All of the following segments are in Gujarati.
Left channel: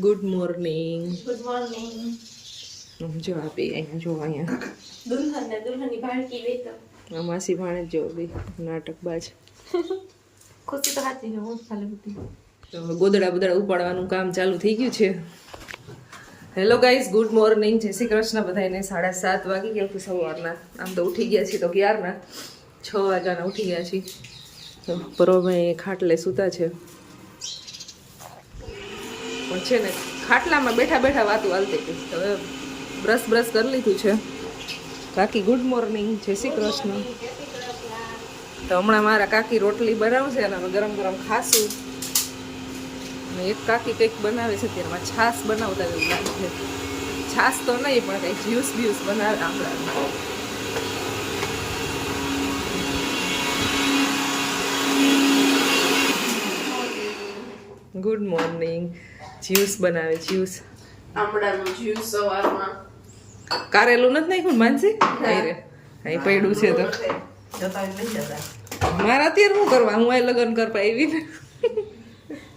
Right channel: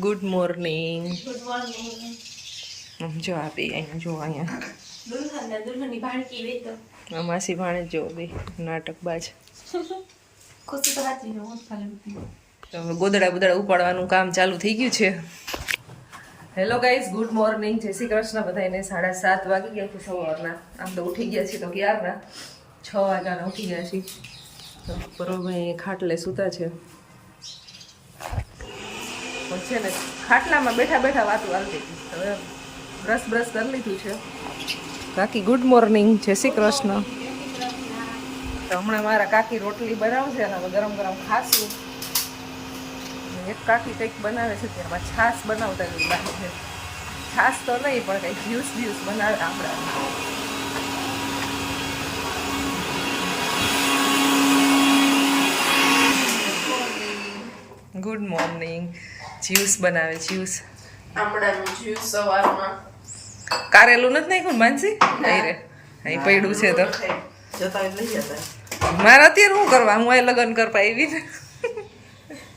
Good morning. Good morning. જો આપી અહીંયા જો અહીંયા દુલ્હન ને દુલ્હનની ભાણકી વેતો માસી ભાણે જો બે નાટકબાજ. ખુશી તો સાચી છે, હું ખાલી બધી. તો હવે ગોદડા બોદડા ઉપાડવાનું કામ ચાલુ થઈ ગયું છે. હેલો ગાઈઝ, ગુડ મોર્નિંગ, જય શ્રી કૃષ્ણ બધાને. 7:30 વાગી ગયા છે સવારના. આમ તો ઉઠી ગયા છીએ તો ક્યારના 6 વાગ્યાના ઉઠી ગયા છીએ. બરોબર ખાટલે સૂતા છે પણ છે ને ખાટલામાં બેઠા બેઠા વાતું હાલતી હતી. હવે બ્રશ કરી લીધું છે. કાકી ગુડ મોર્નિંગ, જય શ્રી કૃષ્ણ. તો હમણાં મારા કાકી રોટલી બનાવશે અને ગરમ ગરમ ખાશું. અને એક કાકી કંઈક બનાવે છે ત્યારમાં છાશ બનાવતા એવું લાગે છે. છાશ તો નહીં પણ કંઈક જ્યુસ બ્યુસ બનાવે આમળાનું. Good morning. જ્યુસ બનાવે, જ્યુસ આમળાનું જ્યુસ સવારમાં. કારેલું નથી નાખ્યું માનસી? અહીં રે અહીં પડ્યું છે તો મારે અત્યારે શું કરવા? હું અહીં લગ્ન કરવા આવી ને.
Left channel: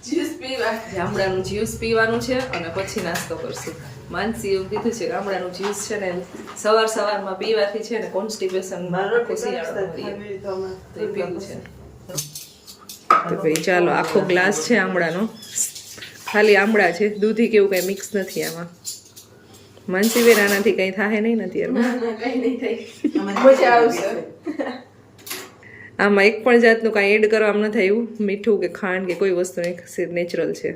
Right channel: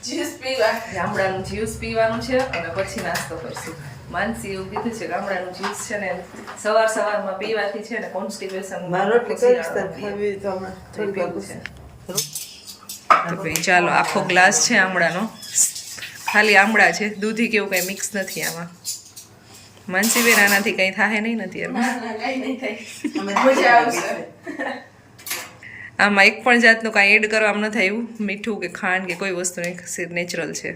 જ્યુસ પીવા ગામડાનું જ્યુસ પીવાનું છે અને પછી નાસ્તો કરશું. માનસી એવું કીધું છે ગામડાનું જ્યુસ છે ને સવારમાં પીવાથી છે ને કોન્સ્ટિપેશન પીવું છે. તો ભાઈ ચાલો, આખો ગ્લાસ છે આમળાનો. ખાલી આમળા છે, દૂધી કેવું કઈ મિક્સ નથી આમાં. માનસી બેન આનાથી કઈ થાય નહીં નથી આમાં એક પણ જાતનું કાંઈ એડ કરવામાં નથી આવ્યું. મીઠું કે ખાંડ કે કોઈ વસ્તુ નહીં, નેચરલ છે.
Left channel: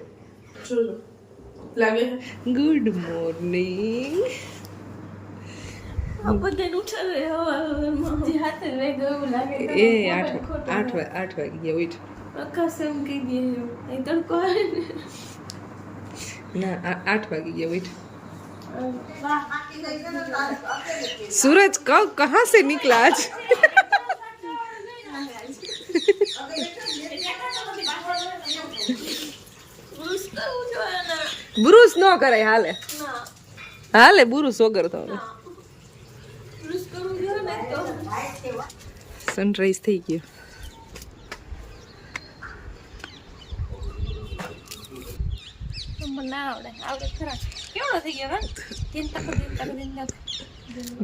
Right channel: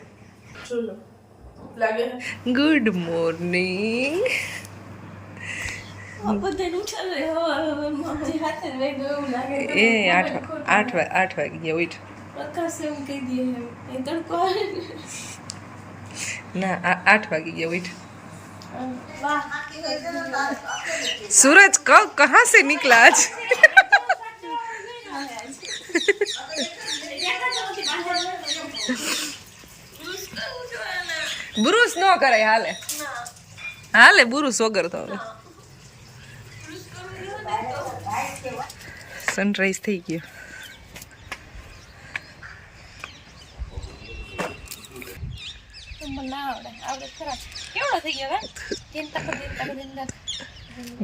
Good morning. એ 8 વાગી ગયા. ઉઠ ના 8 વાગી ગયા. ઉઠ. सूरज कहाँ से निकला आज? बुरुस नो करे हाले हाले बुरुस वगर तो सनराइज થઈ ગયો.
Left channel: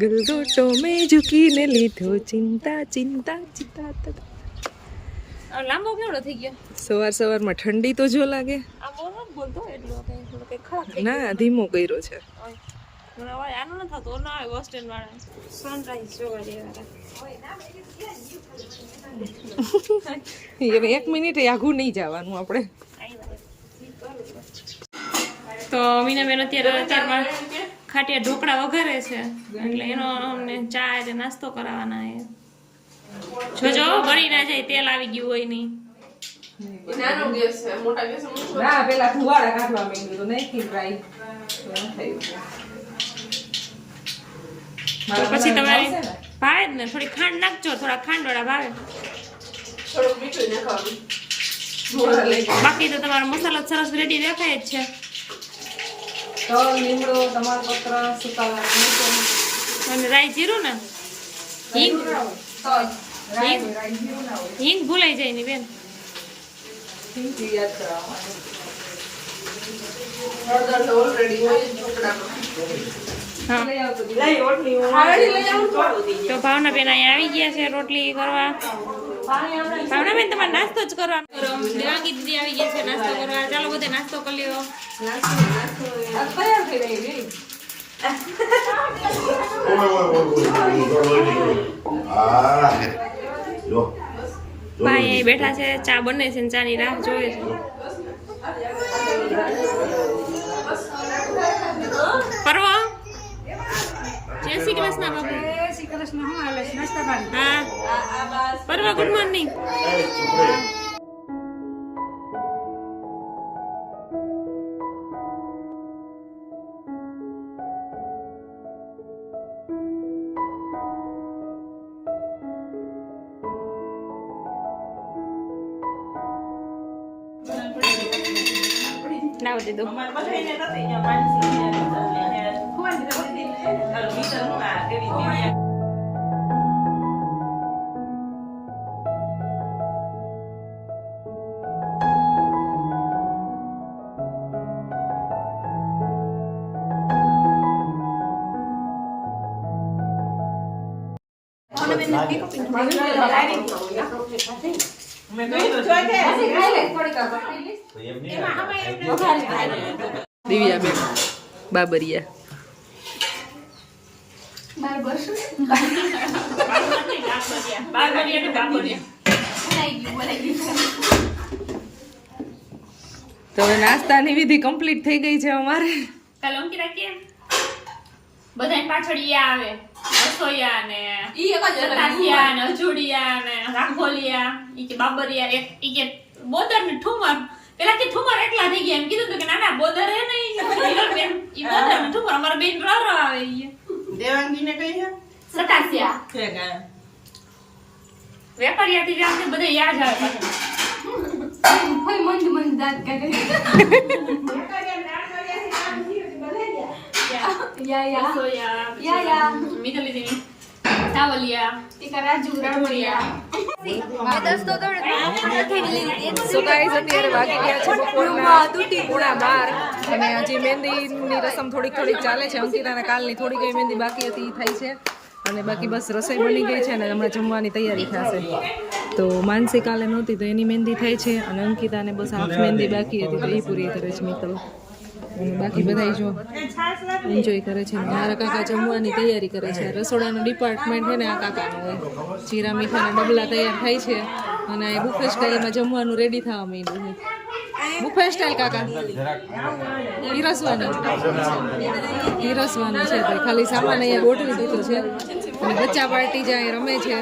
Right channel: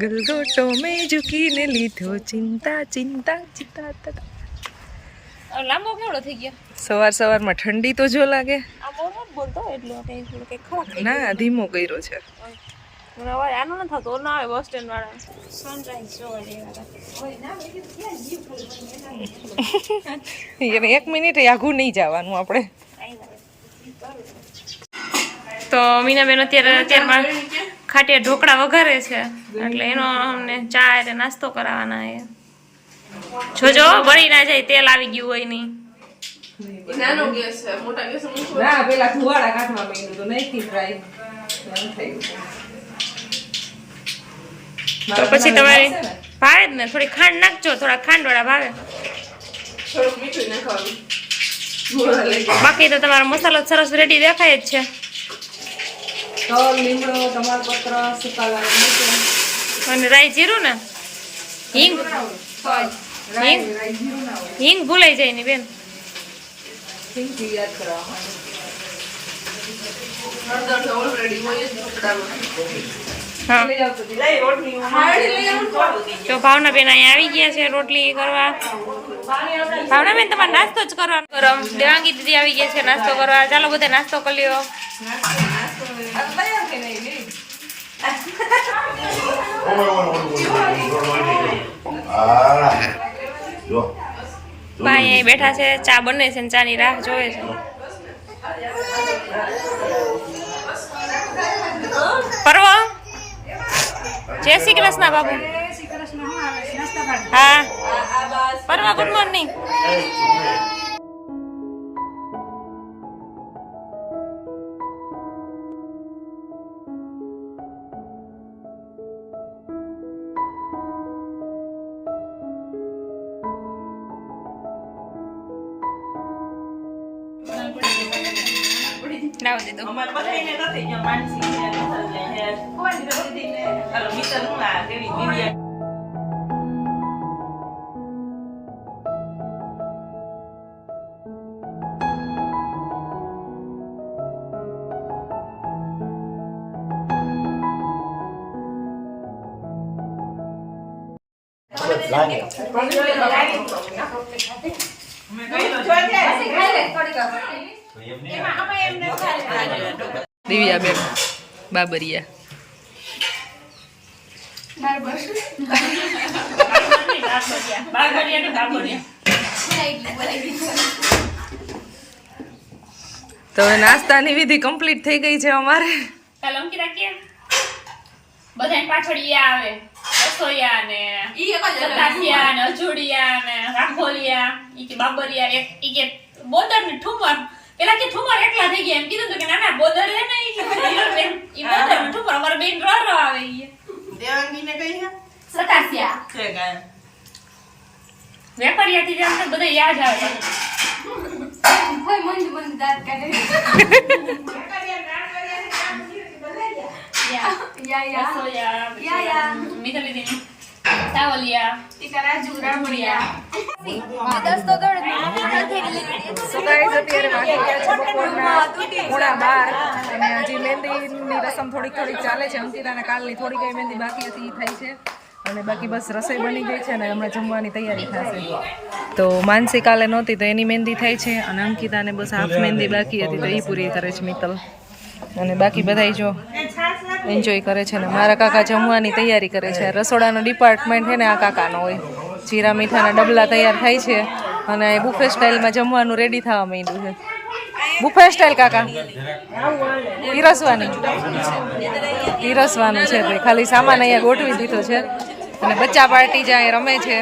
गलगोटो में झुकीने લીધો ચિંતા ચિંતા ચિંતા. લાંબો કેવડો થઈ ગયો? સવારમાં ઠંડી તો જો લાગે. આ મોર બોલતો એટલે કઈ ખરા ના ધીમો કર્યો છે. મને અવાજ આનો ન થતો ના આવે. બસ સ્ટેન્ડ વાળા સનરાઈઝ જોવા જેવા. 1 મિનિટ આઘું નહીં જવાનું આપણે. તો મીનાબેન અત્યારમાં ખાટિયા ઢોકળા વઘારે છે એટલે એનો અમને ચા એટલે નાસ્તો કરાવવાના છે. જોજો બળી ના જાય, તેલ આવી ગયું હોય નહીં. નાનો ગેસ છે, મોટા ગેસ ના પેલા ધુવાડા કાઢવા માંગ્યું તો નહીં ટ્રાય તો પછી તમારે ભાવે જ ને. થોડી ખાંડ નાખજો, થોડા ખાંડવાળા ભાવે. બાકી તો તમારો મસાલો સરસ રેડી દેખાય જ છે. અને રાઈ જીરું ને હિંગ હિંગ હિંગ ભૂલાઈ જાય ની બેન. હા તો ભાવના બેન અહીંયા આવી ગયા છે રોટલી કરવા. ભાવના બેન તમારે નાસ્તો જ કરવાનો. ગરમ દેવાંગી દીદી આવી ગયા છે નાસ્તો કરવા. ચાલો બધા નાસ્તો કરી લ્યો. ભાઈ અહીં બેઠા છે, ચા બને છે ને ચાની રાહ જોવે છે. પરવો જય શ્રી કૃષ્ણ બાબુ. હા પરવા ગુડ મોર્નિંગ. લાવ દીધું. દિવ્યા બેન બાબરિયા તો હવે નાસ્તાની વિધિ કમ્પ્લીટ થઈ ગઈ છે અમારે. કાલ અંકિતા કે બધાને પાછળ ઈ આવે રસોઈયા ને સતાસિયા ને અજોડિયા ને રાખોલિયા ઈ કે બાબરિયા એક ઈ કે બોદર ને ઠુમર પેલા કે ઠુમર એકલા થઈ ગયા એમ કીધું તો કે ના ના બોદર હે ને ઈ બોદર ને ઠુમર અમાર બેન રો આવે ઈ દેવાંગી ને કઈ છે સતાસિયા કે ગાય વેપારિયા થી જાણ બધા યાદ આવે પાછળ સો ગાઈસ અત્યારે વાગી ગયા છે બપોરના 11:30 અને હજી મહેંદીની રસમ થોડીક ચાલે છે. અંકિતાના કાલની થોડી કઈ મહેંદી બાકી હતી ઈ થાય છે અને બાકી બસ રસોઈ બની ગઈ છે અને હમણાં જમવાની તૈયારી થશે. તો માનસી કાલે નહોતી તો એની મહેંદી થાય છે અને અંકિતાને બસ હાફ મહેંદી બાકી હતી તો એ પૂરી કરે છે મિત્તલ અને બાકી બધા જો એન્જોય કરે છે ને મારા કાકા જમવાની તૈયારી કરે છે. રસોડાનો ડિપાર્ટમેન્ટ છે ને આ કાકાનો હોય. જીરા મીઠાના ડબલા તૈયાર થાય છે અને બુફે સ્ટાઇલમાં જમવાનું રેડી થવા માંડ્યું છે. બુફે સ્ટાઇલ કાકા પીરસવાનું છે ભાઈ. ખાલી સામાન અહીંયા ગોઠવી દીધો છે અને બચ્ચા પાર્ટી જાય રમે છે.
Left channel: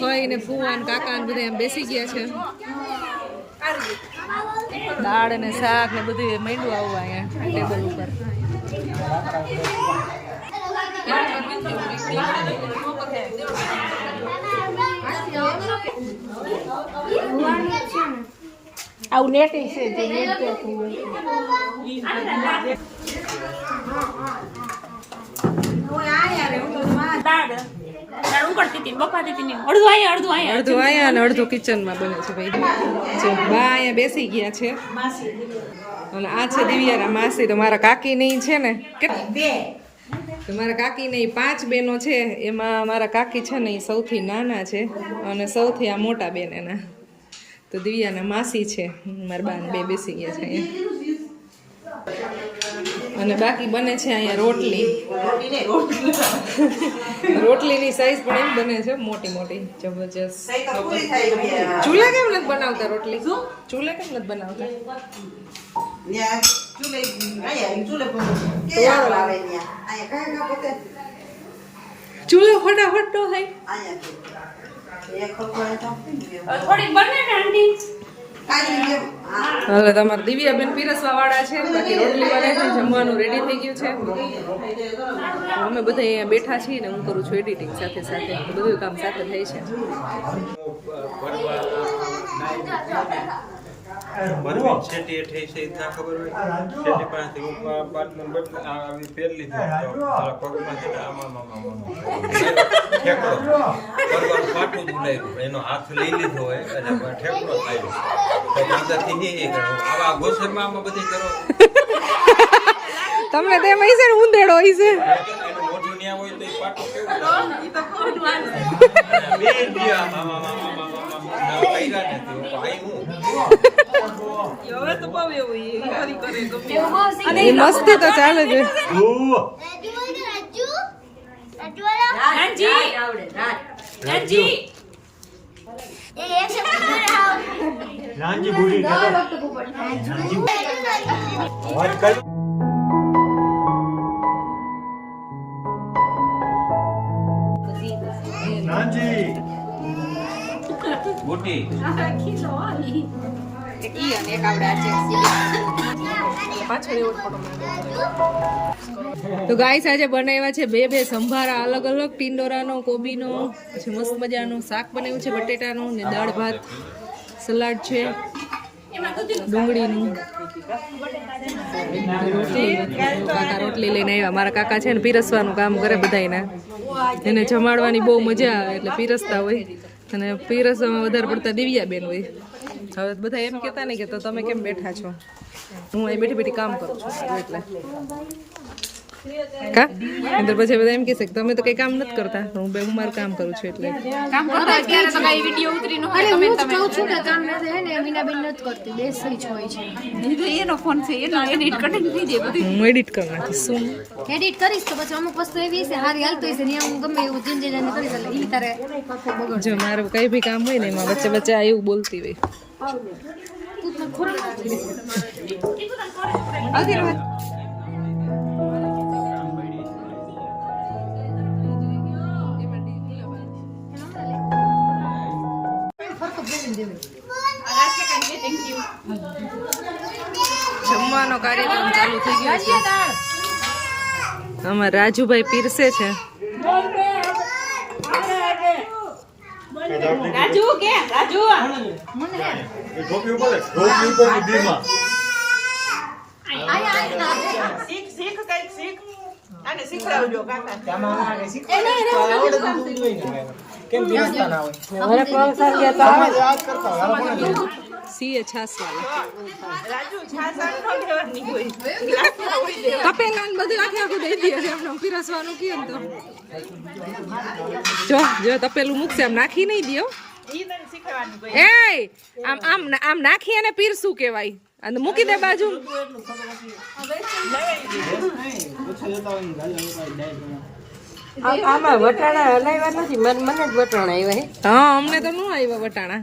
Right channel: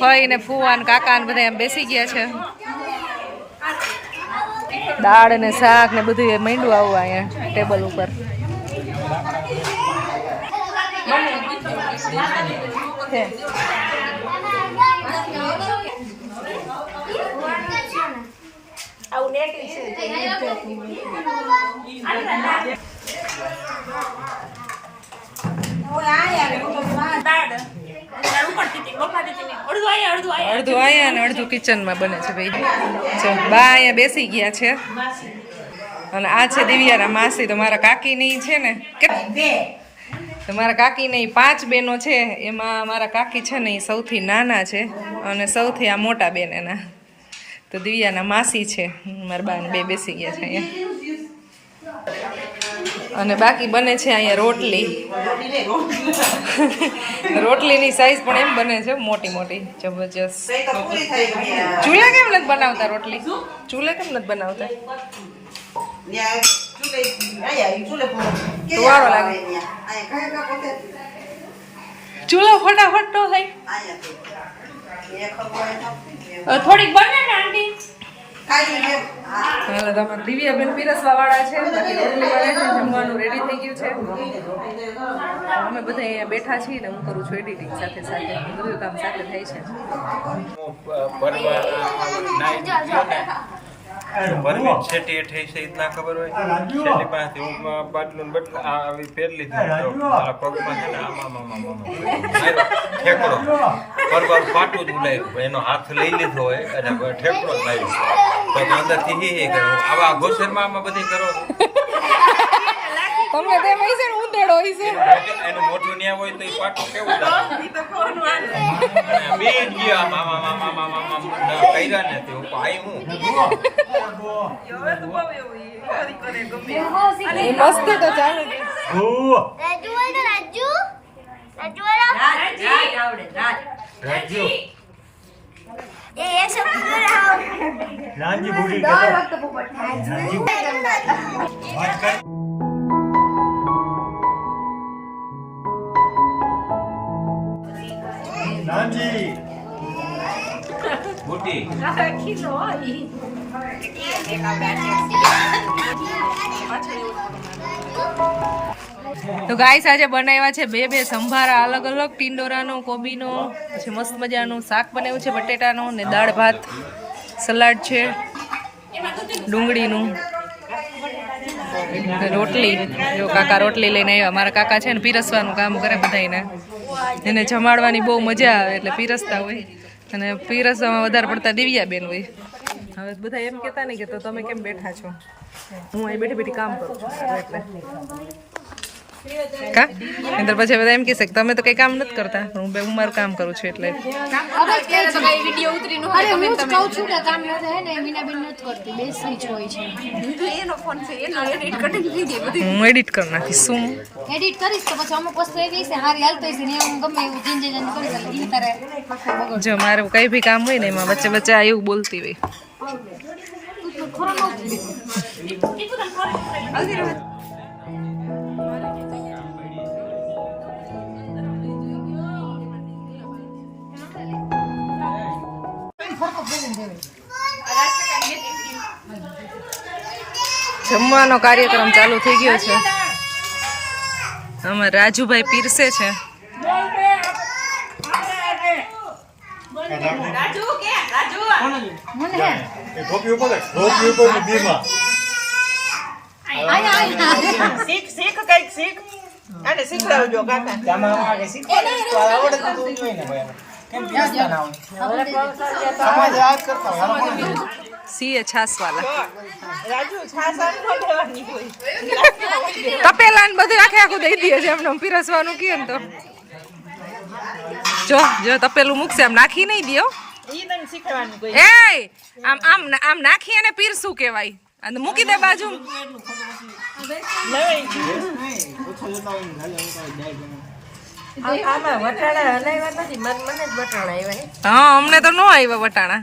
ફઈ ને ફુવા ને કાકા ને બધા એમ બેસી ગયા છે. દાળ ને શાક ને બધું એ માંડ્યું આવવા અહીંયા ટેબલ ઉપર. આવું નેટ છે અડધું અહીંયા અને અડધું કિચનમાં બને છે ભાઈ. જો બા અહીંયા બેસી ગયા છે અને આ છે દિવ્યાના માસી. તો મારા કાકીની છે ને તો મારા કાકીને 5 બહેનો છે એમાં મારા કાકી છે ને એ સૌથી નાના છે અને સૌથી આ મોટા બેન એના. તો દિવ્યાના માસી છે મારા બા બે બેસી ગયા છે અહીંયા અને બાકી બને છે અહીંયા રોટલી. રોટલીની સાઈઝ પણ એમ બને છે મોટી મોટી જબરજસ્ત. ચૂલા કેમ નથી બનાવતા રોટલી? ચૂલે કેમ નથી બનાવતા? વાળો લાગે ચૂલો ફટાફટ તો થાય. થોડીક બને ને આંટી હાલો તમારે દિવ્યાબેન પીરસવા વાળા છે. બાકી રોટલી વાળા છે જમવાનું રેડી થઈ ગયું છે. અમે બધા અહીંયા બેઠા છીએ ને હું કરું છું એડિટિંગ સાથે સાથે બધું કામ સાથે થાય છે. બરવી છેટી થઈ છે ના ખબર હોય છેટી પાસે હું બાટલું બટલા આવી પહેર લીધી તો મારા પગમાં છે ને આમાં ઠેકડો પરવાર પાટું જ ઉડાવ્યું એનો હાથ લઈ લીધો હોય અને ઠેકડો જ લાવ્યો તો અંદરથી હે કરો આવા ઘોસેરમાં આમાં બધી કરો તમને તેમ હશે ને ઊંધેડો હશે એનું મોઢું ન્યા હોય તો એ પાટું કેવું લાગે બેન ગયા મામા કઈરા ને તો ભાઈ હું એ મસ્તી તો ચાલે છે. रांझी बूढ़ी का रांझी બુટી તો ગાઈસ આજે બનાવ્યા છે બે સંભારા અલગ અલગ. ટિંડોરાનો, કોબીનો, પછી મસ્ત મજાનું શાક બનાવ્યું છે બટેટાનો ને દાળ ભાત, સલાડ છે, ડુંગળીનું, રોટલી. જો કાકા રોટલી લઈને આવ્યા. મારા કાકા છે ને પીરસવાનું કામ કરે બધાને. એને જમાડવાની બહુ મજા આવે એટલે પીરસતા હોય અને પીરસવામાં વધારે પડતા દિવ્યાબેન હોય. હવે બધા એમ કહેતા નહીં કે તો તમે કેમ બેઠા છો? હું અહીં બેઠી કામ કરું છું એટલે કા અંદર પછી બધા એમ કહેશે કે તમે તો કઈ કામ નથી કરતા હું મારું કામ કરું છું એટલે અરે હું જ કહું છું કે કામ ન થાય ને મીનાબેન નથી કરતી બેસી જ હોય છે હું એડિટ કરી નાખીશ શું એડિટ કરીશ તો પછી અમુક વસ્તુ એવી છે હારી હાલતો હશે ને હું ગમે એવું ચેન્જ કરીશ એટલે ઈ તારે આખું બગડ જો મારે કઈ બી કામ હોય ને એમાં વચ્ચે વચ્ચે આ એવું બોલતી હોય તું તો ખોરામાં જમવાનો કાર્યક્રમ ચાલુ થઈ ગયો છે આમાં રાજુભાઈ પીરસે છે સીએ છાસવાલા તપેલા ને બધું આખે આખું દઈ દે છે એમને પીરસવાનું કહે ને તો જો તપેલું મૂકશે આમ નાખી નહીં દો એ આમ નાખી અને પીરસું કહેવાય અને મૂકી દે બાજુ હા અમને તો ન આવ્યા વટાણા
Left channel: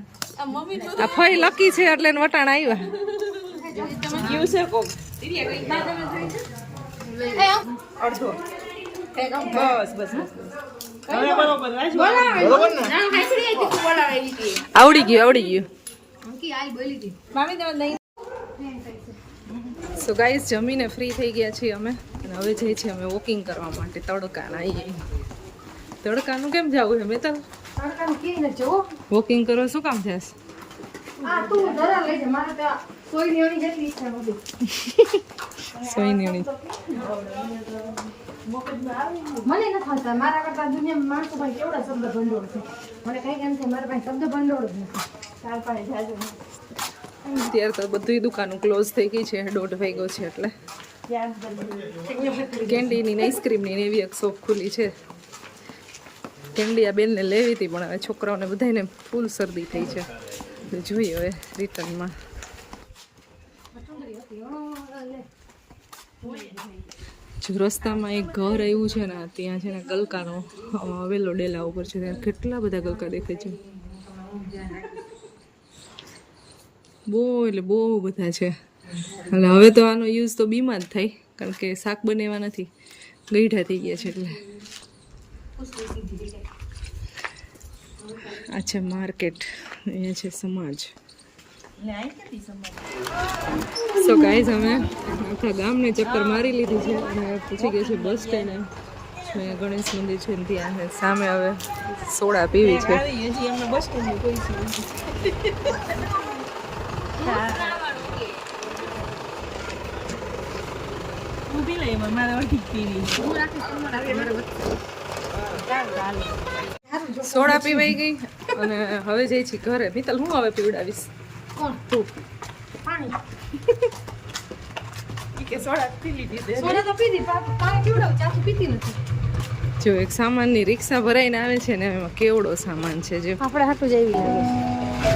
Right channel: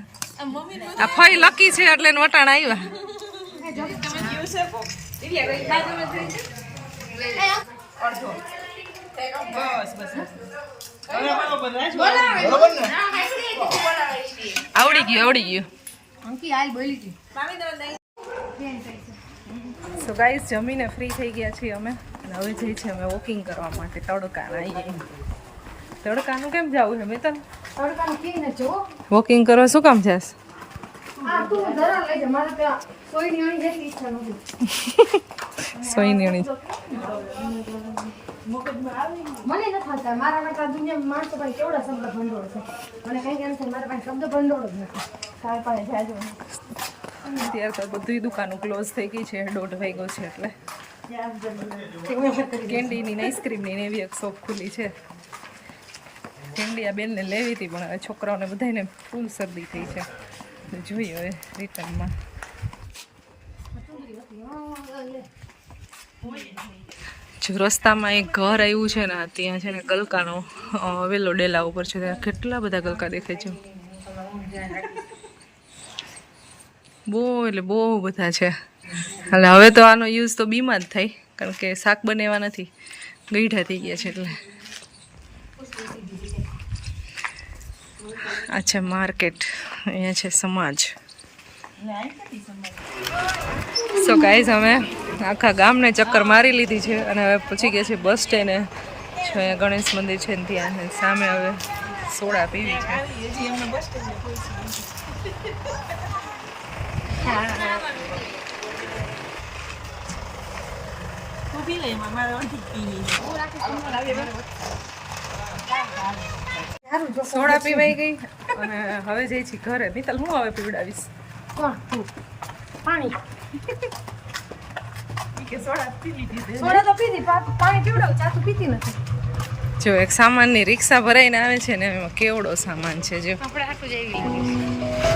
આ ફઈ લકી છે એટલે એને વટાણા આવ્યા આવડી ગયું સો ગાઈસ જમીને ફ્રી થઈ ગયા છીએ અમે અને હવે જઈએ છીએ અમે વોકિંગ કરવા માટે તડકાના આવીએ તડકાનું કેમ જવું છે મિત્તલ વોકિંગ કરવા શું કામ જાસ સોયની મને નથી થતા મારા કરતા દુનિયામાં માણસો પાસે કેવડા શબ્દ ભંડોળ છે મને કઈ કેમ છે મારા પાસે શબ્દ ભંડોળ જ નથી તાર પાસે જાય છે અત્યારે તો બધી દુકાનો ક્લોઝ થઈ ગઈ છે 1:30 વાગ્યો છે એટલે કેન્ડીની આઈસ્ક્રીમની એવી એક શોપ ખુલી છે કેન્ડી આ બેનને લેવી હતી પણ હવે છોકરાઓને બધાને ફૂલ શરદી થઈ છે તો જોઈએ હવે રિટર્નમાં જો રસ્તામાં એક ઘર આવ્યું છે ને ત્યાં છે ને ગલકાનો વેલો ડેલા ઉપર છે ત્યાં કેટલા બધા ગલકા દેખાય છે બહુ એટલે બહુ બધા છે એટલે હવે તો આનો યુઝ તો બીમાં જ થાય કારણ કે શાક બનાવવા નથી ગઈઢા થઈ ગયા છે એટલે આ છે માર્કેટ અહીંયા છે સમાજ સો ગાઈઝ અમે આખા ગામને ચક્કર મારી લીધી છે અને હવે પછી ગયા છે બસ સ્ટેન્ડે જો અહીંયા ગણેશ મંદિર છે ને ત્યાં સામે હવે સોડા પીવી છે સોડા પીવાઈ ગઈ અને હવે જઈ છીએ ઘરે મિત્તલ હું હવે પીવડાવીશ કોણ તું પાણી સોડા તો પીધી પાણી પીવડાવું ચા તો પીતી નથી જો એક સામાનની રિક્ષા ભરાઈને આવે છે ને એમાં કેવડો સામાન છે જો આપણે હાટું જઈ